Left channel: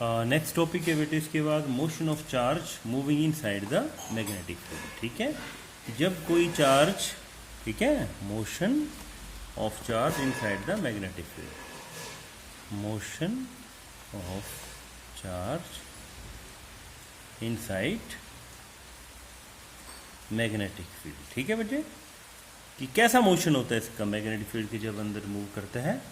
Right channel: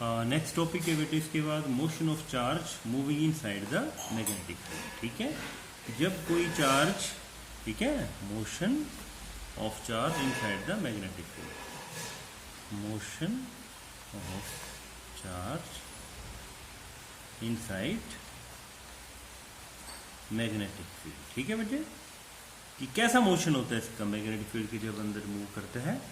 Next topic है बेटे इसके बाद motion of charge moving in side the magnetic field. ठीक है, जब कोई चार्ज, ठीक है, motion of charge in side the magnetic field, motion of charge in side magnetic field. ठीक है बेटे, कि कैसा मोशन होता है इसका मैग्नेटिक फील्ड के जब अंदर मूव करते हैं।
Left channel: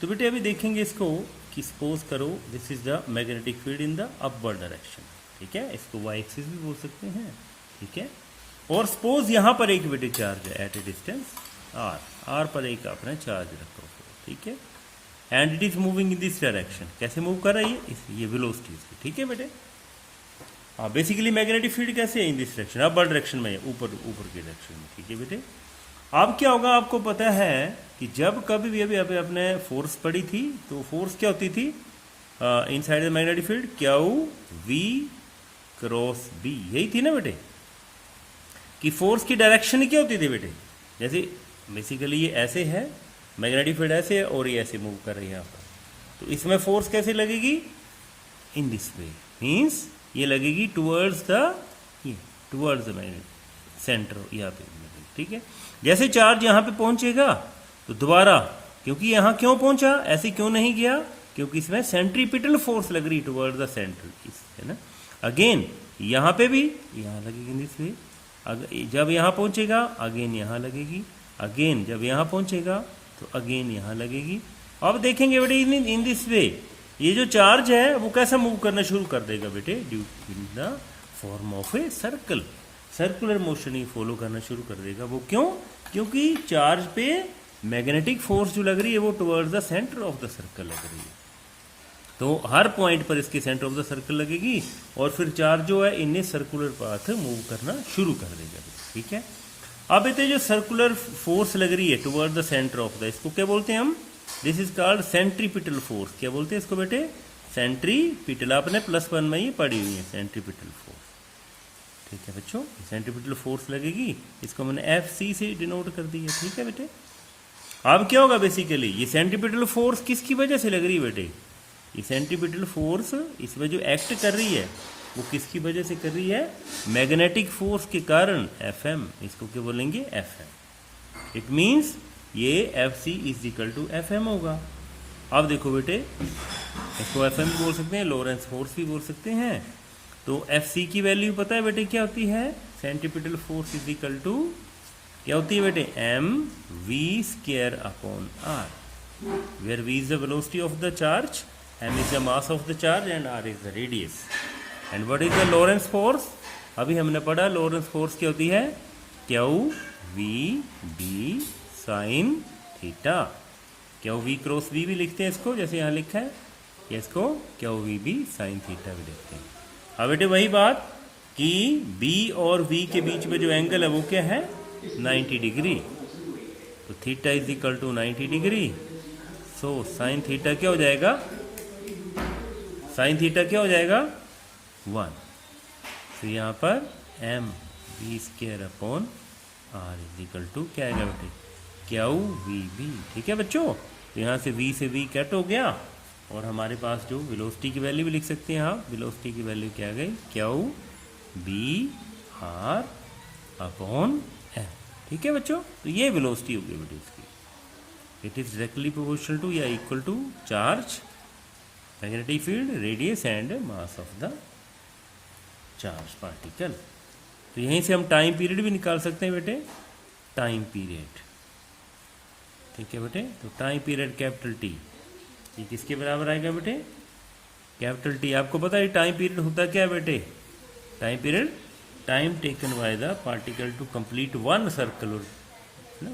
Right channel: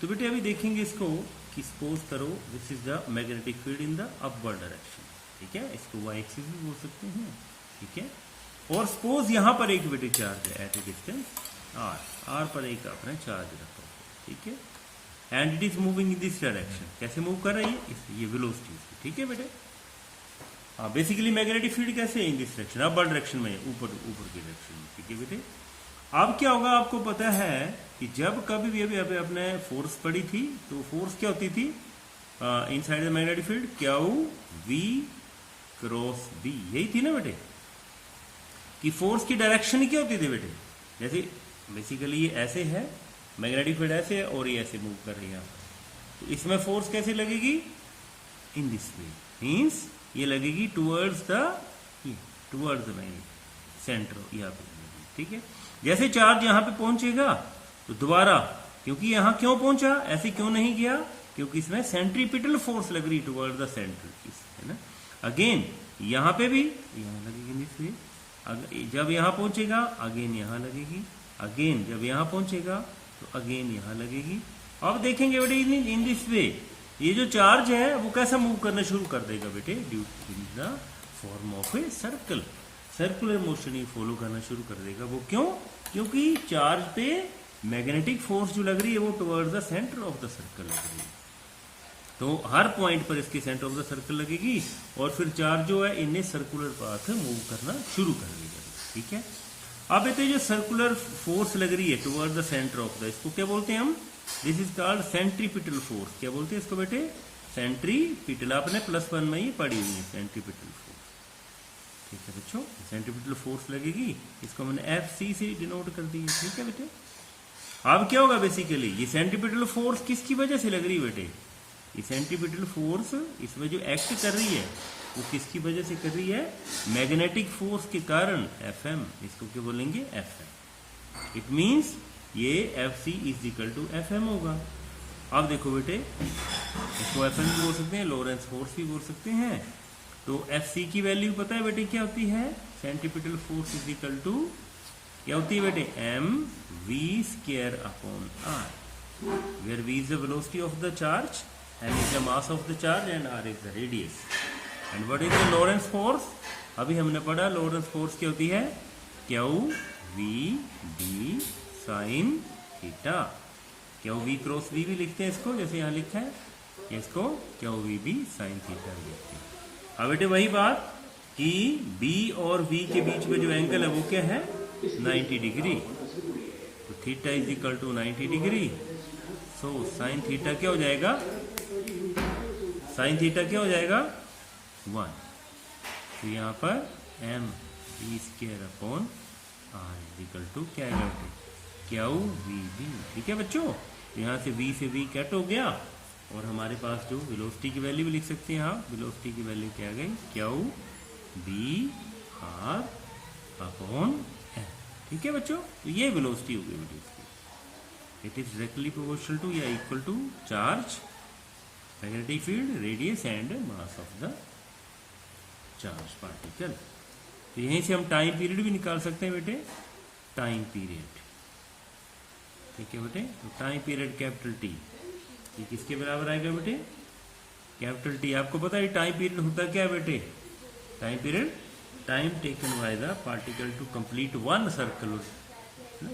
तो बेटे अभी देखेंगे इसको कि सपोज करो this is the magnetic field in the upward direction. ठीक है, इसको वाई एक्सिस भी बोल सकते हैं। ठीक है, और सपोज यहां पर एक बेटे चार्ज है एट ए डिस्टेंस आर पर एक आपने चार्ज रखा। ठीक है, and it is moving in this direction. कैसे मूव कर रही है, ये वेलोसिटी इसकी। ठीक है बेटे, हाँ, बेसिकली मैग्नेटिक फील्ड कैसे है in this direction, upward direction में, ऊपर की डायरेक्शन में। ठीक है बेटे, अब क्या होगा आपको पता है कि जब कभी भी अभी अपने फोर्स पड़ी थी तो फोर्स क्या होती थी inside the magnetic field, q we cross B, यही थी ना बेटे, कि फोर्स की डायरेक्शन क्या होती थी बेटे। जैसे बेसिकली ये ऐसे है, मैग्नेटिक फील्ड ऐसे है और ये ऐसे मूव कर रही है यहाँ पर, तो इसमें फोर्स कैसे लगेगी, इन दिस वे, मीन्स ये लगेगी टुवर्ड्स द मैग्नेटिक सेंटर यहाँ पे। ठीक है, जैसे चार्ज यहां पे पहुंचेगा तो दोबारा, क्योंकि यहां क्यों पहुंचा, ऐसे क्यों नहीं गया, क्योंकि इसमें सेंट्रीपिटल फोर्स लग रही टुवर्ड द सेंटर, है ना। अगेन यहां पे भी यहां लगेगी दिस वे, जब यहां पहुंचेगा अगेन यहां लगेगी, अगेन जब यहां पहुंचेगा तो अगेन यहां लगेगी। अब देखेंगे बेटे इन दिस वे ये जो चार्ज है वो कैसा मूव करना शुरू कर देगा बेटे, due in the form of a circle, circular motion he follow करना शुरू कर देगा। वो क्यों, क्योंकि चार्ज पे मैग्नेटिक फोर्स जो लग रही है वो towards the centre of the circle लग रही है, तो हर पॉइंट पर इसके सेंटर ऑफ द सर्कल लगेगी और फिर चार्ज जो है इन्हें सर्कुलर पाथ मूव करना शुरू कर देगा। ठीक है, अब बेटे जो सर्कुलर फोर्स लग रही है towards the centre of the, इसको क्या बोलते हैं हम, this is called centripetal force. क्या बोलते हैं इसको बेटे, सेंट्रीपिटल, आपने +1 में ही पढ़ी हुई है सेंट्रीपिटल फोर्स। ठीक है बच्चों, सेंट्रीपिटल फोर्स लगेगी, इसको मैंने FC से डिनोट कर दिया। ठीक है बेटे, अब क्या होगा बेसिकली, ये सेंट्रीपिटल फोर्स किसकी वजह से लग रही है बेटे, ये सेंट्रीपिटल फोर्स इसमें जो एक्ट कर रही है वो किसकी वजह से कर रही है, मैग्नेटिक फोर्स के कारण, FM, इसको क्या बोलेंगे, FM। इट मीन्स ये FC is equal to FM होगा। अब देखो बेटे, इसको FM भी बोल सकते हैं, लोरेंस फोर्स भी बोल सकते हैं। तो FC की वैल्यू पता है बेटे क्या होती है, centripetal force is equal to क्या होती है बेटे, mv² upon r, where v is the velocity of the charge, m is the mass of the charge and r is the radius. And what is the Lorentz force, अभी हमने पढ़ा Lorentz force क्या होती है, QVB sine theta, QV cross V भी लिखते हैं इसको, जैसे यहाँ लिखा है, इसको QVB साइन थीटा भी लिखते हैं। अब बेटे वही बात कि B और V के बीच में जो एंगल है वो क्या है, 90 डिग्री, तो theta is equal to 90 degree. So sine theta क्या हो जाएगा, साइन थीटा क्या हो जाएगा, 1। तो यहाँ पर mv² upon r is equal to क्या आएगा बेटे, QVB। ठीक है बच्चों, तो यहाँ से V कट हो गया और हमारे पास जो वेलोसिटी की वैल्यू भी लिख सकते हैं, हाँ, वेलोसिटी की वैल्यू क्या आ गई, QVR अपॉन M। ठीक है बच्चों, तो ये वेलोसिटी हो गई बेटे इसकी। It is directly proportional to या equal to charge, magnetic field, radius and mass of the charge particle. तो यहीं से हम टाइम पीरियड भी निकाल सकते हैं बेटे, टाइम पीरियड। ठीक है बेटे, तो टाइम पीरियड कैपिटल T, ये किसके बराबर आएगा बेटे, कैपिटल T। आपको पता है टाइम पीरियड होता क्या है बेटे, time period, time taken by the particle to complete one circle,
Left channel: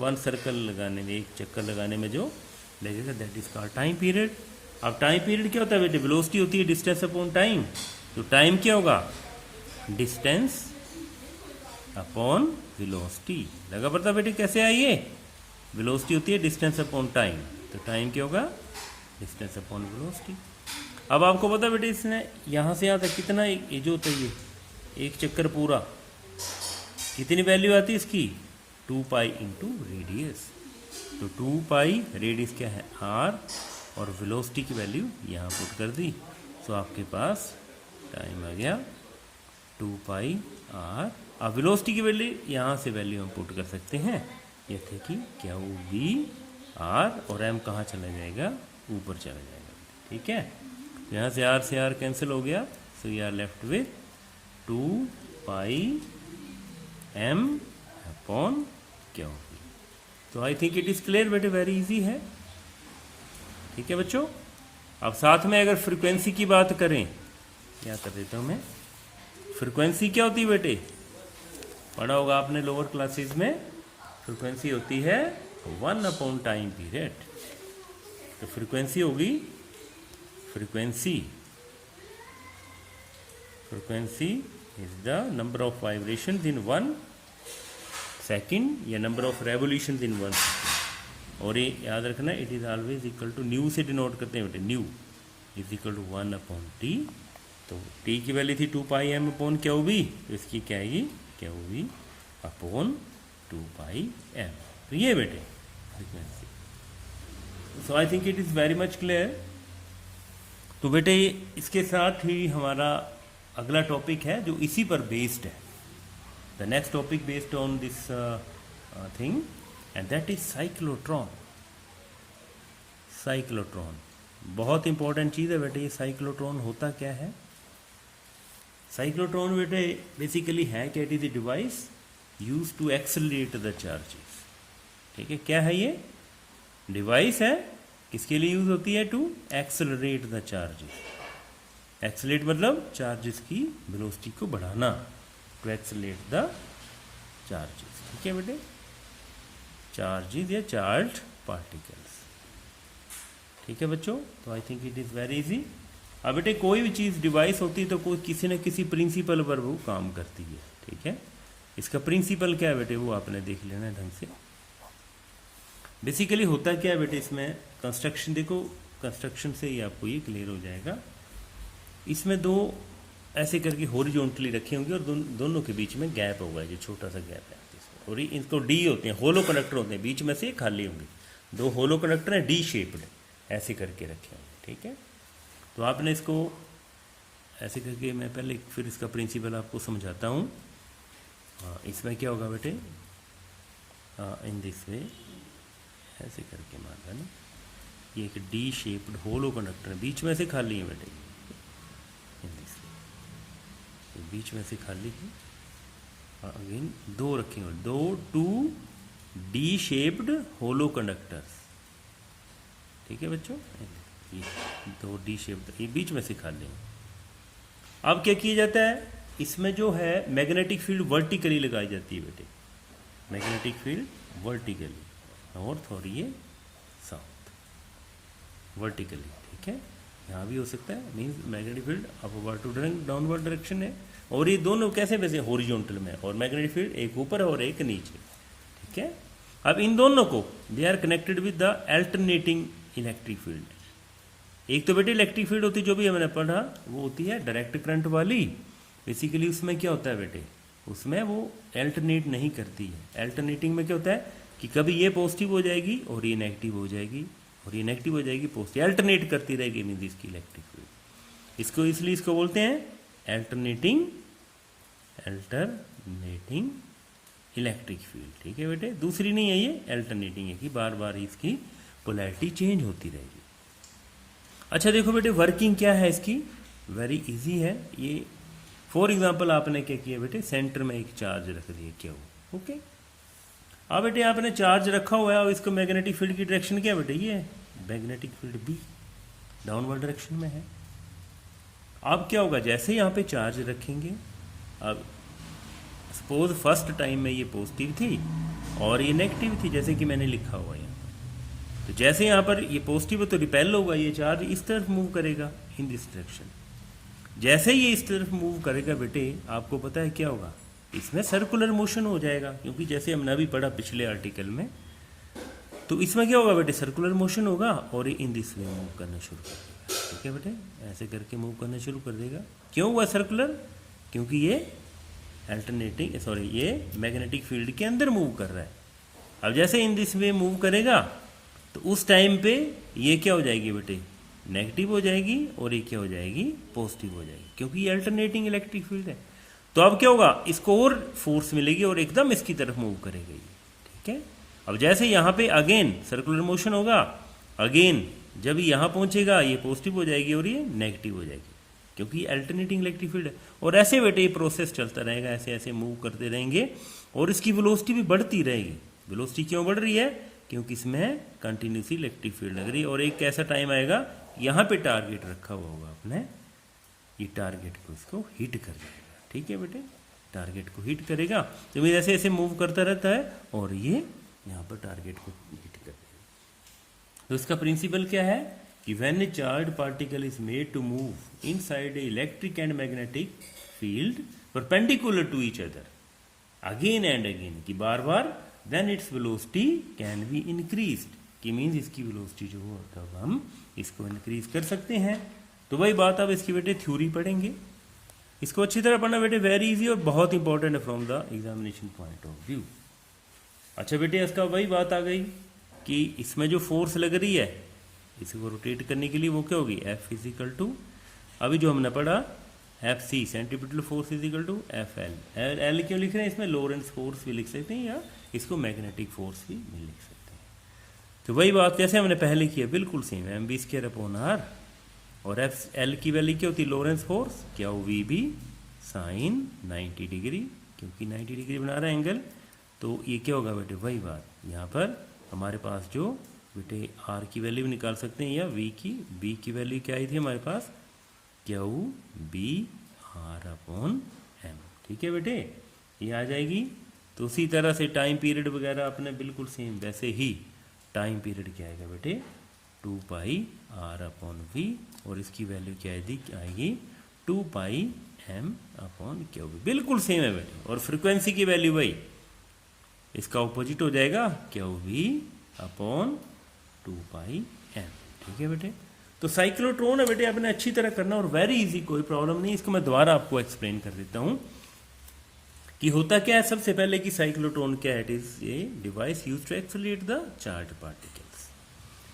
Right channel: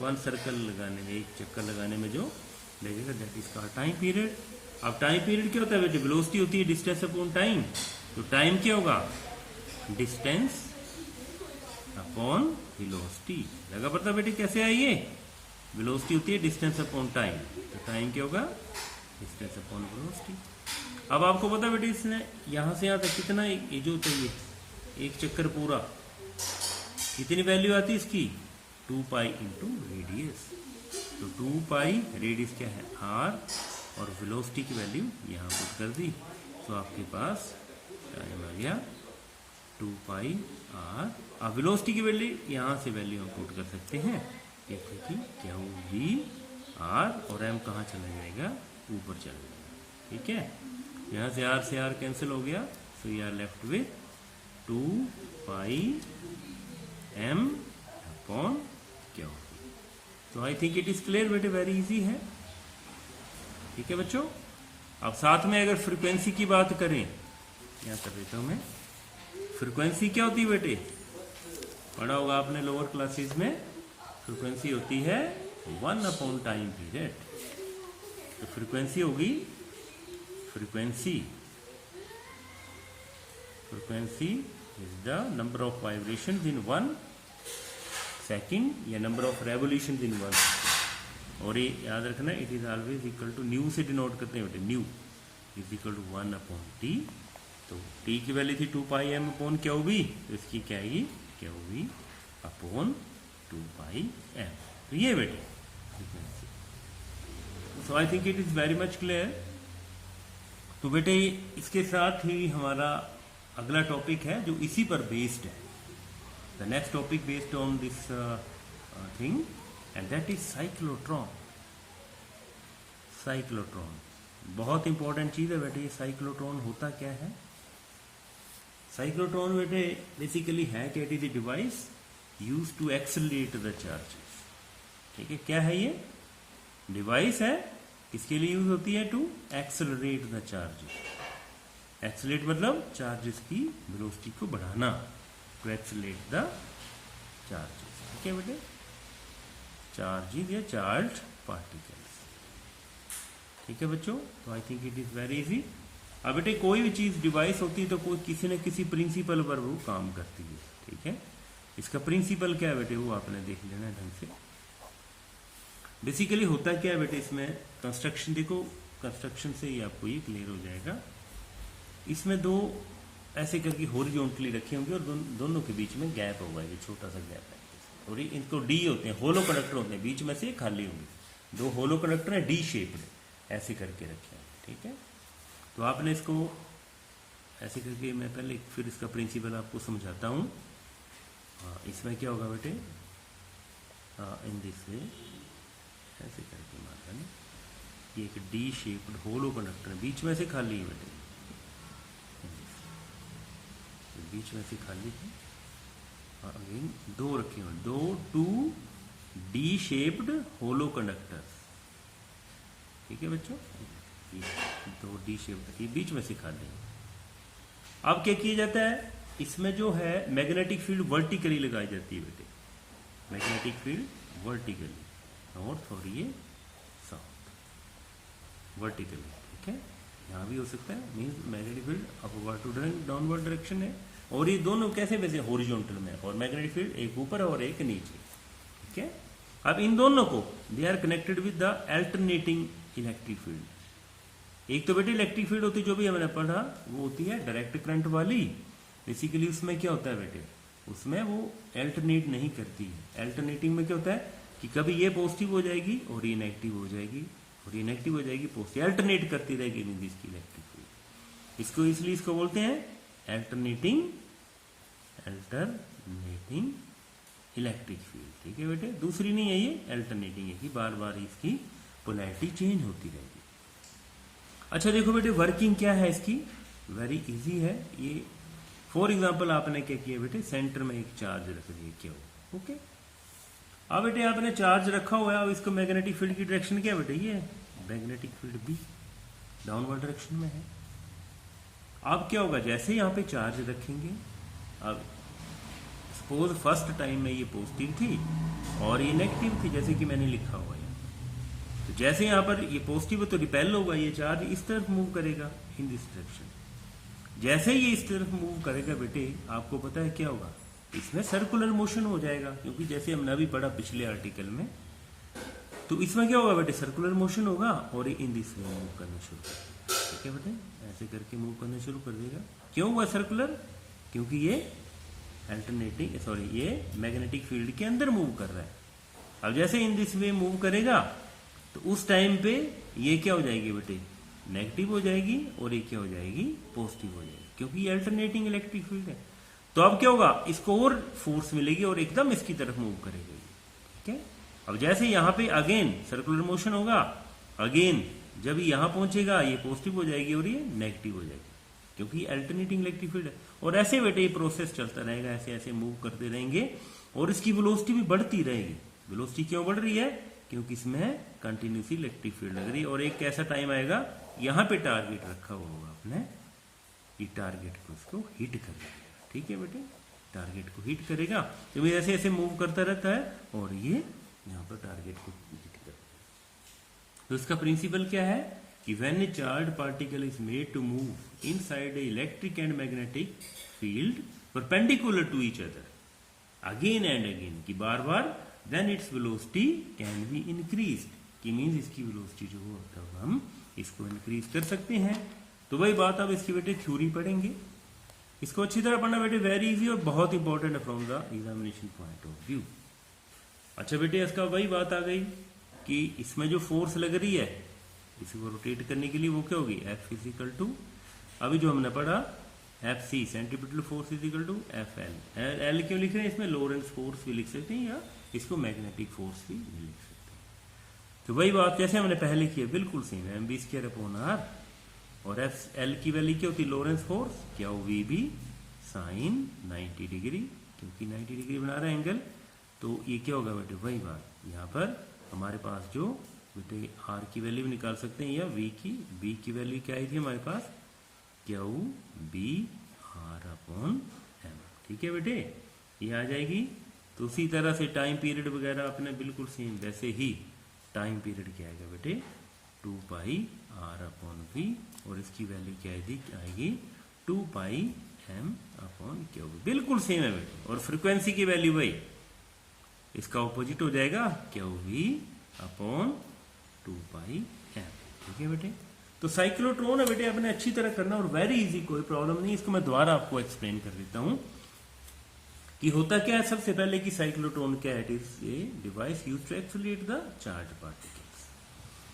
one circle लगाने में, एक चक्कर लगाने में जो लगेगा, that is called time period. अब टाइम पीरियड क्या होता है बेटे, वेलोसिटी होती है डिस्टेंस अपॉन टाइम, तो टाइम क्या होगा, डिस्टेंस अपॉन वेलोसिटी। लगा पता बेटे कैसे आई ये, वेलोसिटी होती है डिस्टेंस अपॉन टाइम, तो टाइम क्या होगा, डिस्टेंस अपॉन वेलोसिटी। अब आपको पता बेटे इसने यहां से यहां तक कितना ये जो होता है, एक चक्कर पूरा कितनी वैल्यू आती है इसकी, 2 पाई इंटू रेडियस। तो 2 पाई रेडियस क्या है, r, और वेलोसिटी की वैल्यू यहाँ पुट कर दी, तो आपके पास टाइम आ गया 2 पाई आर। अब वेलोसिटी की वैल्यू यहाँ से वैल्यू हम पुट कर सकते हैं, ये थे कि क्या वो वी आर और एम कहाँ चला जाएगा, ऊपर चला जाएगा। ठीक है, यहाँ से आर कैंसिल हो गया, so you are left with 2 pi m upon q. तो I think it is clear बेटे, वेरी इजी है। ठीक है बच्चों, अब साथ में अगर फ्रीक्वेंसी की बात करें, क्या कर देता हूं मैं, फ्रीक्वेंसी क्या होती है बेटे, पढ़ा होगा आपने लोअर क्लासेस में, फ्रीक्वेंसी होती है 1 अपॉन टाइम पीरियड। तो फ्रीक्वेंसी होगी, frequency is the number of vibration in 1 second या number of revolution in 1 second. और ये याद रखना, it is always equal to nu से डिनोट करते हैं बेटे, nu is equal to 1 upon t. तो टी की वैल्यू थी 2 पाई एम अपॉन क्या होगी, तो इसकी क्या आएगी, क्या होगी अपॉन 2 पाई एम। तो ये बेटे frequency. So I think it is very much clear. तो बेटे इसके साथ ही हमारा अगला टॉपिक है जो इसी पर बेस्ड है, the next topic based on this thing, and that is cyclotron. Cyclotron बहुत इंपॉर्टेंट चीज है बेटे। ये साइक्लोट्रॉन होता क्या है, साइक्लोट्रॉन बेटे बेसिकली है क्या, it is a device use to accelerate the charges. ठीक है, क्या है ये डिवाइस है, किसके लिए यूज होती है, to accelerate the charges. Accelerate मतलब चार्जेस की वेलोसिटी को बढ़ाना, टू एक्सेलरेट द चार्जेस। ठीक है बेटे, चार्जेस या चार्ज पार्टिकल्स। ठीक है बच्चों, तो I think it is very easy. अब बेटे कोई भी चीज डिवाइस होती है तो कोई किसी न किसी प्रिंसिपल पर वो काम करती है। ठीक है, इसका प्रिंसिपल क्या है बेटे, वो आपने देख लेना है ढंग से। बेसिकली होता क्या है बेटे, इसमें कंस्ट्रक्शन देखो, कंस्ट्रक्शन से ही आपको ये क्लियर हो जाएगा। इसमें दो ऐसे करके हॉरिजॉन्टली रखे होंगे और दोनों के बीच में गैप होगा, ये छोटा सा गैप है, और इनको डी होते हैं, होलो कंडक्टर होते हैं, बीच में से खाली होंगे, दो होलो कंडक्टर है डी शेप्ड, ऐसे करके रखे होंगे। ठीक है, तो आपने इसको ऐसे करके, मैं पहले फिर इसका प्रिंसिपल आपको समझाता हूँ। इसमें क्या होगा बेटे, इन दिस वे ऐसे करके मारना ना, ये एक डी शेप्ड होलो कंडक्टर है, बीच में से खाली है बेटे, बीच में से खाली है। अगेन दो रखेंगे, दो 2 डी शेप्ड होलो कंडक्टर्स। ठीक है बच्चों, ये 2 डी शेप्ड, ये बीच में से खाली है। अब क्या किया जाता है, इसमें जो है मैग्नेटिक फील्ड वर्टिकली लगाई जाती है बेटे, मैग्नेटिक फील्ड वर्टिकली, और थोड़ी ये साउथ वर्टिकली। ठीक है, यहाँ भी हो सकता है, means magnetic field upward to downward direction है, और ये दोनों कैसे वैसे हॉरिजॉन्टल में, और मैग्नेटिक फील्ड एक ऊपर और एक नीचे। ठीक है, अब इन दोनों को they are connected with the alternating electric field. एक तो बेटे इलेक्ट्रिक फील्ड होती है जो भी हमने पढ़ा, वो होती है डायरेक्ट करंट वाली। बेसिकली उसमें क्या होता है बेटे, उसमें वो अल्टरनेट नहीं करती है। अल्टरनेटिंग में क्या होता है कि कभी ये पॉजिटिव हो जाएगी और ये नेगेटिव हो जाएगी, और ये नेगेटिव हो जाएगी, पॉजिटिव, अल्टरनेट करती रहेगी मीन इसकी इलेक्ट्रिक फील्ड। इसको इसलिए इसको बोलते हैं अल्टरनेटिंग इलेक्ट्रिक फील्ड। ठीक है बेटे, दूसरी नहीं है ये, अल्टरनेटिंग है कि बार बार इसकी पोलैरिटी चेंज होती रहेगी। अच्छा देखो बेटे, वर्किंग क्या है इसकी, वेरी इजी है ये। फॉर एग्जांपल आपने क्या किया बेटे, सेंटर में एक चार्ज रख दिया, क्या हो, ओके। अब बेटे आपने चार्ज रखा हुआ है, और इसको मैग्नेटिक फील्ड की डायरेक्शन क्या बेटे, ये magnetic field B, downward direction में है। अब क्या होगा, जैसे यहाँ पे चार्ज रखेंगे, अब सपोज फर्स्ट टाइम में ये पॉजिटिव थी और ये नेगेटिव थी, जैसे कि मैंने लिखा हुआ है, तो जैसे यहाँ पर ये पॉजिटिव है तो रिपेल होगा, ये चार्ज इस तरफ मूव करेगा, इन दिस डायरेक्शन। जैसे ये इस तरफ मूव करेगा बेटे, आपको पता है क्या होगा, इसमें सर्कुलर मोशन हो जाएगा, क्योंकि जैसे हमने अभी पढ़ा पिछले आर्टिकल में, तो इसमें क्या होगा बेटे, सर्कुलर मोशन होगा, और ये इन दिस वे मूव करना शुरू कर देगा। ठीक है बेटे, ऐसे करके मूव करना शुरू कर देगा। क्यों हुआ सर्कुलर, क्योंकि ये ये मैग्नेटिक फील्ड के अंदर मूव कर रहा है। अब जैसे इन दिस वे मूव करेगा, तो उस टाइम पे ये क्या हो जाएगी बेटे, नेगेटिव हो जाएगी और ये क्या हो जाएगी, पॉजिटिव हो जाएगी, क्योंकि ये अल्टरनेटिंग इलेक्ट्रिक फील्ड है। तो अब क्या होगा, इसको और फोर्स मिलेगी और एकदम इसकी तरफ मूव करेगा ये, ठीक है। अब जैसे यहाँ पे अगेन सर्कुलर मोशन होगा, अगेन जब यहाँ पहुंचेगा ये पॉजिटिव हो जाएगी और ये नेगेटिव हो जाएगी, क्योंकि अल्टरनेटिंग इलेक्ट्रिक फील्ड है। और ऐसे बेटे ये प्रोसेस चलता रहेगा, ऐसे ऐसे मूव करते रहेंगे और इसकी वेलोसिटी भी बढ़ती रहेगी। वेलोसिटी क्यों बढ़ रही है, क्योंकि इसमें कंटिन्यूसली इलेक्ट्रिक फील्ड लग रही है। और एक ऐसा टाइम आएगा, यहाँ पे टारगेट रखा हुआ होगा आपने, ये टारगेट को उसको हिट कर जाएगा, ठीक है बेटे, टारगेट को हिट करेगा। तो ये ऐसे ऐसे मूव करता रहता है और ये यहाँ पर टारगेट को हिट कर देगा। तो इसका प्रिंसिपल क्या है कि when a charge particle is made to move inside a electric and magnetic field perpendicular to each other again and again, कि बार बार, then its velocity can be increased, कि मीन्स इसकी वेलोसिटी जो हो तब हम इसको इंक्रीज कर सकते हैं। तो वही बात अब इसकी बेटे थ्योरी पढ़ेंगे, इसको अच्छी तरह पढ़ना बेटे, वेरी इजी और बहुत इंपॉर्टेंट है from the examination point of view. अच्छा बेटे, इसका वही बात आ गई कि इसमें जो फोर्स लग रही है इसको रोटेट करने के लिए वो क्या होगी, एफ इजिकल टू, अभी जो हमने पढ़ा F C centripetal force is equal to F L. L क्यों लिख रहे हैं, इसमें लोरेंस फोर्स भी लिख सकते हैं या इसको मैग्नेटिक फोर्स भी लिख सकते हैं। तो वही बात जैसे हमने पहले की है, बिल्कुल सेम है, M B square upon R, और एफ एल की वैल्यू क्या होती है, लोरेंस फोर्स, क्या वी बी साइन 90 डिग्री, क्योंकि 90 डिग्री बना रहा है एंगल। तो ये क्या होगा बेटे, वही बात, यहाँ पर हमारे पास जो बेटे आर की वैल्यू भी निकाल सकते हैं या वी की, बी की वैल्यू क्या आई थी हमारे पास, q B r upon m, ठीक है बेटे, ये आ जाएगी। तो उसी तरह से टाइम पीरियड वगैरह अपने बिल्कुल सेम वैसे ही टाइम पीरियड क्या आएगा बेटे, 2 पाई आर अपॉन वी, और इसकी वैल्यू क्या आएगी 2 pi m upon Q B, बिल्कुल सेम है बेटे। और फ्रीक्वेंसी की वैल्यू वही, इसका ऑपोजिट हो जाएगा Q V upon 2 pi M, ठीक है बेटे। तो साइक्लोट्रॉन है बेटे, आपने अच्छी तरह करना और वेरी इजी, कोई प्रॉब्लम नहीं। इसको मैं दोबारा आपको एक्सप्लेन कर देता हूं कि होता क्या है। सबसे पहले कि साइक्लोट्रॉन क्या है, it is a device used to accelerate the charge particles.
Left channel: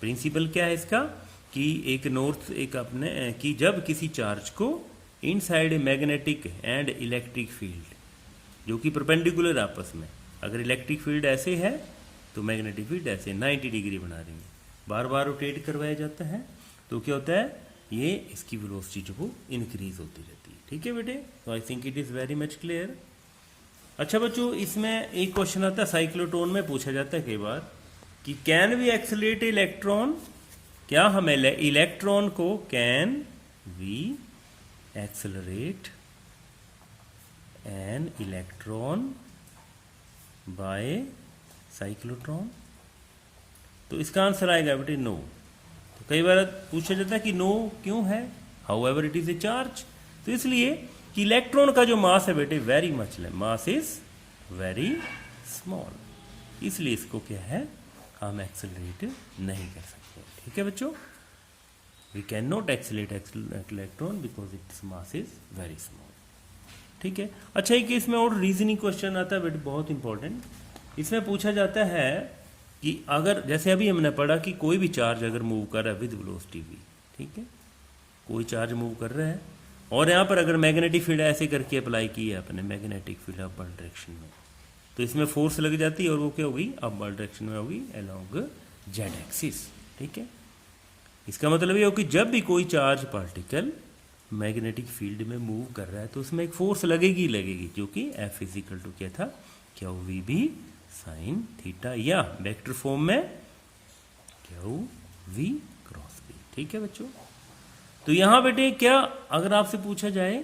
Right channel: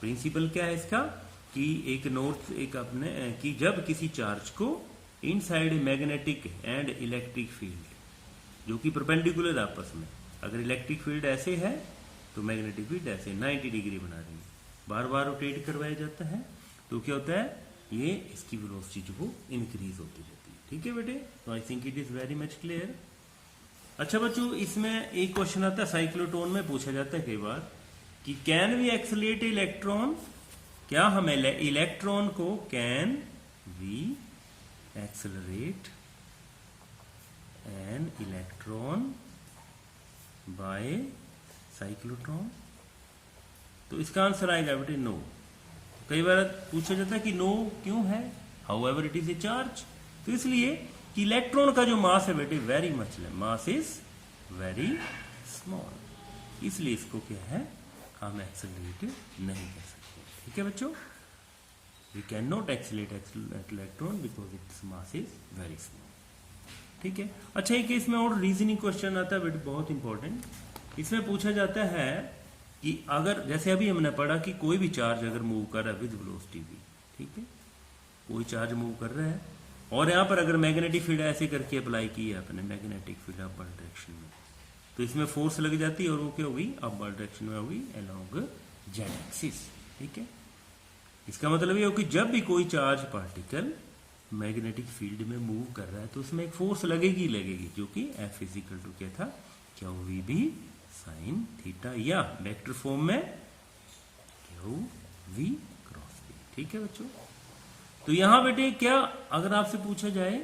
Principle क्या है इसका कि एक अपने कि जब किसी चार्ज को inside a magnetic and electric field, जो कि परपेंडिकुलर आपस में, अगर इलेक्ट्रिक फील्ड ऐसे है तो मैग्नेटिक फील्ड ऐसे 90 डिग्री बना रही है, बार बार रोटेट करवाया जाता है, तो क्या होता है, ये इसकी वेलोसिटी जो वो इंक्रीज होती रहती है, ठीक है बेटे। तो I think it is very much clear. अच्छा बच्चों, इसमें एक क्वेश्चन आता है साइक्लोट्रॉन में, पूछा जाता है कई बार कि कैन वी एक्सेलरेट इलेक्ट्रॉन, क्या हम इलेक्ट्रॉन को can we accelerate an electron by cyclotron. तो इसका आंसर आएगा बेटे नो। तो कई बार पूछा जाता है कि नो क्यों है, how ever it is A charge, तो इसलिए कि इलेक्ट्रॉन का जो मास है बेटे वेरी मच है, मास इज वेरी स्मॉल, इसलिए इसको क्या है हम एक्सेलरेट नहीं कर सकते, ठीक है बच्चों। We can not accelerate electron because its mass is very small, ठीक है। अच्छा, एक इसमें और रीजनिंग क्वेश्चन आता है बेटे, बहुत इंपॉर्टेंट। इसमें पूछा जाता है कि अगर जैसे अभी हमने पढ़ा कि कोई भी चार्ज अगर मूव कर रहा है विद वेलोसिटी वी, ठीक है, कोई चार्ज मूव कर रहा है और यहाँ पर अगर मैग्नेटिक फील्ड ऐसे करके अप्लाई की है अपने मैग्नेटिक फील्ड अपवर्ड डायरेक्शन में, तो इसमें फोर्स लग जाती है और वो क्या होगी, अपवर्ड डायरेक्शन में होगी अलोंग जेड एक्सिस, ठीक है। इसका मतलब ये हो कि जब भी कोई चार्ज पार्टिकल मैग्नेटिक फील्ड में मूव कर रहा है तो उसमें एक फोर्स लगेगी जो कि एफ इजिकल टू क्या था, Q V B sine theta, या वेक्टर फॉर्म में क्यू वी क्रॉस बी, ठीक है बच्चों। तो यहां बेटे क्या अगर आपसे पूछा जाए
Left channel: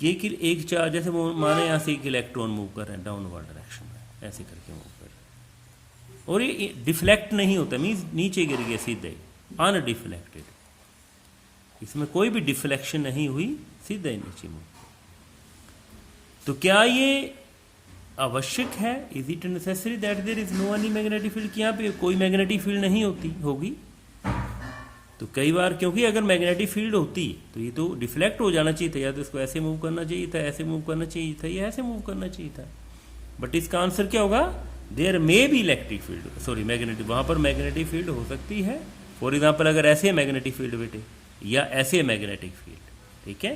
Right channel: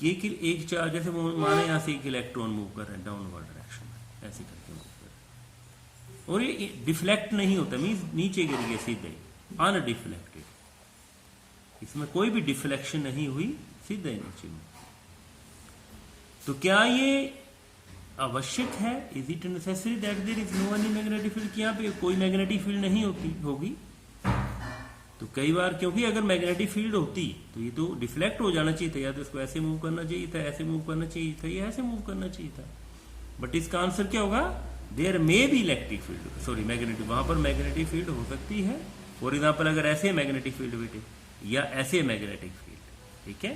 कि एक चार्ज जैसे माने यहां से एक इलेक्ट्रॉन मूव कर रहा है डाउनवर्ड डायरेक्शन में, ऐसे करके मूव कर रहा है और ये डिफ्लेक्ट नहीं होता, मींस नीचे गिर गया सीधे, अनडिफ्लेक्टेड, इसमें कोई भी डिफ्लेक्शन नहीं हुई, सीधे नीचे में, तो क्या ये आवश्यक है, is it necessary that there is no any magnetic field, कि यहाँ पे कोई मैग्नेटिक फील्ड नहीं होगी। तो कई बार क्योंकि अगर मैग्नेटिक फील्ड होती तो ये तो डिफ्लेक्ट हो जाना चाहिए था, या तो इसको ऐसे मूव करना चाहिए था, ऐसे मूव करना चाहिए था, या ऐसे मूव करना चाहिए था, बट इसका आंसर क्या होगा, there may be electric field, sorry magnetic, वहां पर मैग्नेटिक फील्ड हो सकती है फॉर एग्जाम्पल अगर ऐसे है मैग्नेटिक फील्ड बेटे या ऐसे है मैग्नेटिक फील्ड, ठीक है,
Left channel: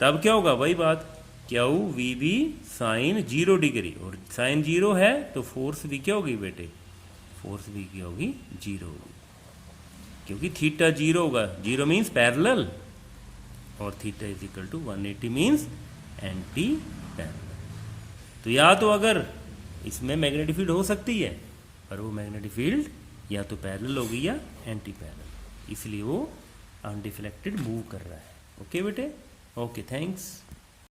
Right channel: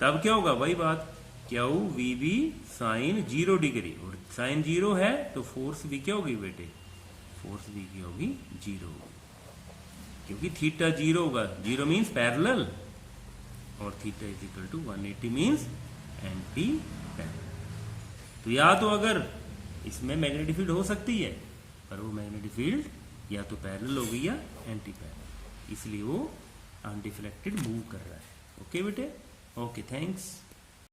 तब क्या होगा, वही बात, Q V B sine 0 degree, और साइन 0 है तो फोर्स भी क्या होगी बेटे, फोर्स भी क्या होगी, 0 होगी, क्योंकि थीटा 0 होगा, 0 मीन्स पैरेलल, और theta is equal to 180 means anti parallel. तो या तो अगर इसमें मैग्नेटिक फील्ड हो सकती है, और वो मैग्नेटिक फील्ड या तो पैरेलल होगी या एंटी पैरेलल, इसलिए वो अनडिफ्लेक्टेड मूव कर रहा है। ओके बेटे, ओके, थैंक्स।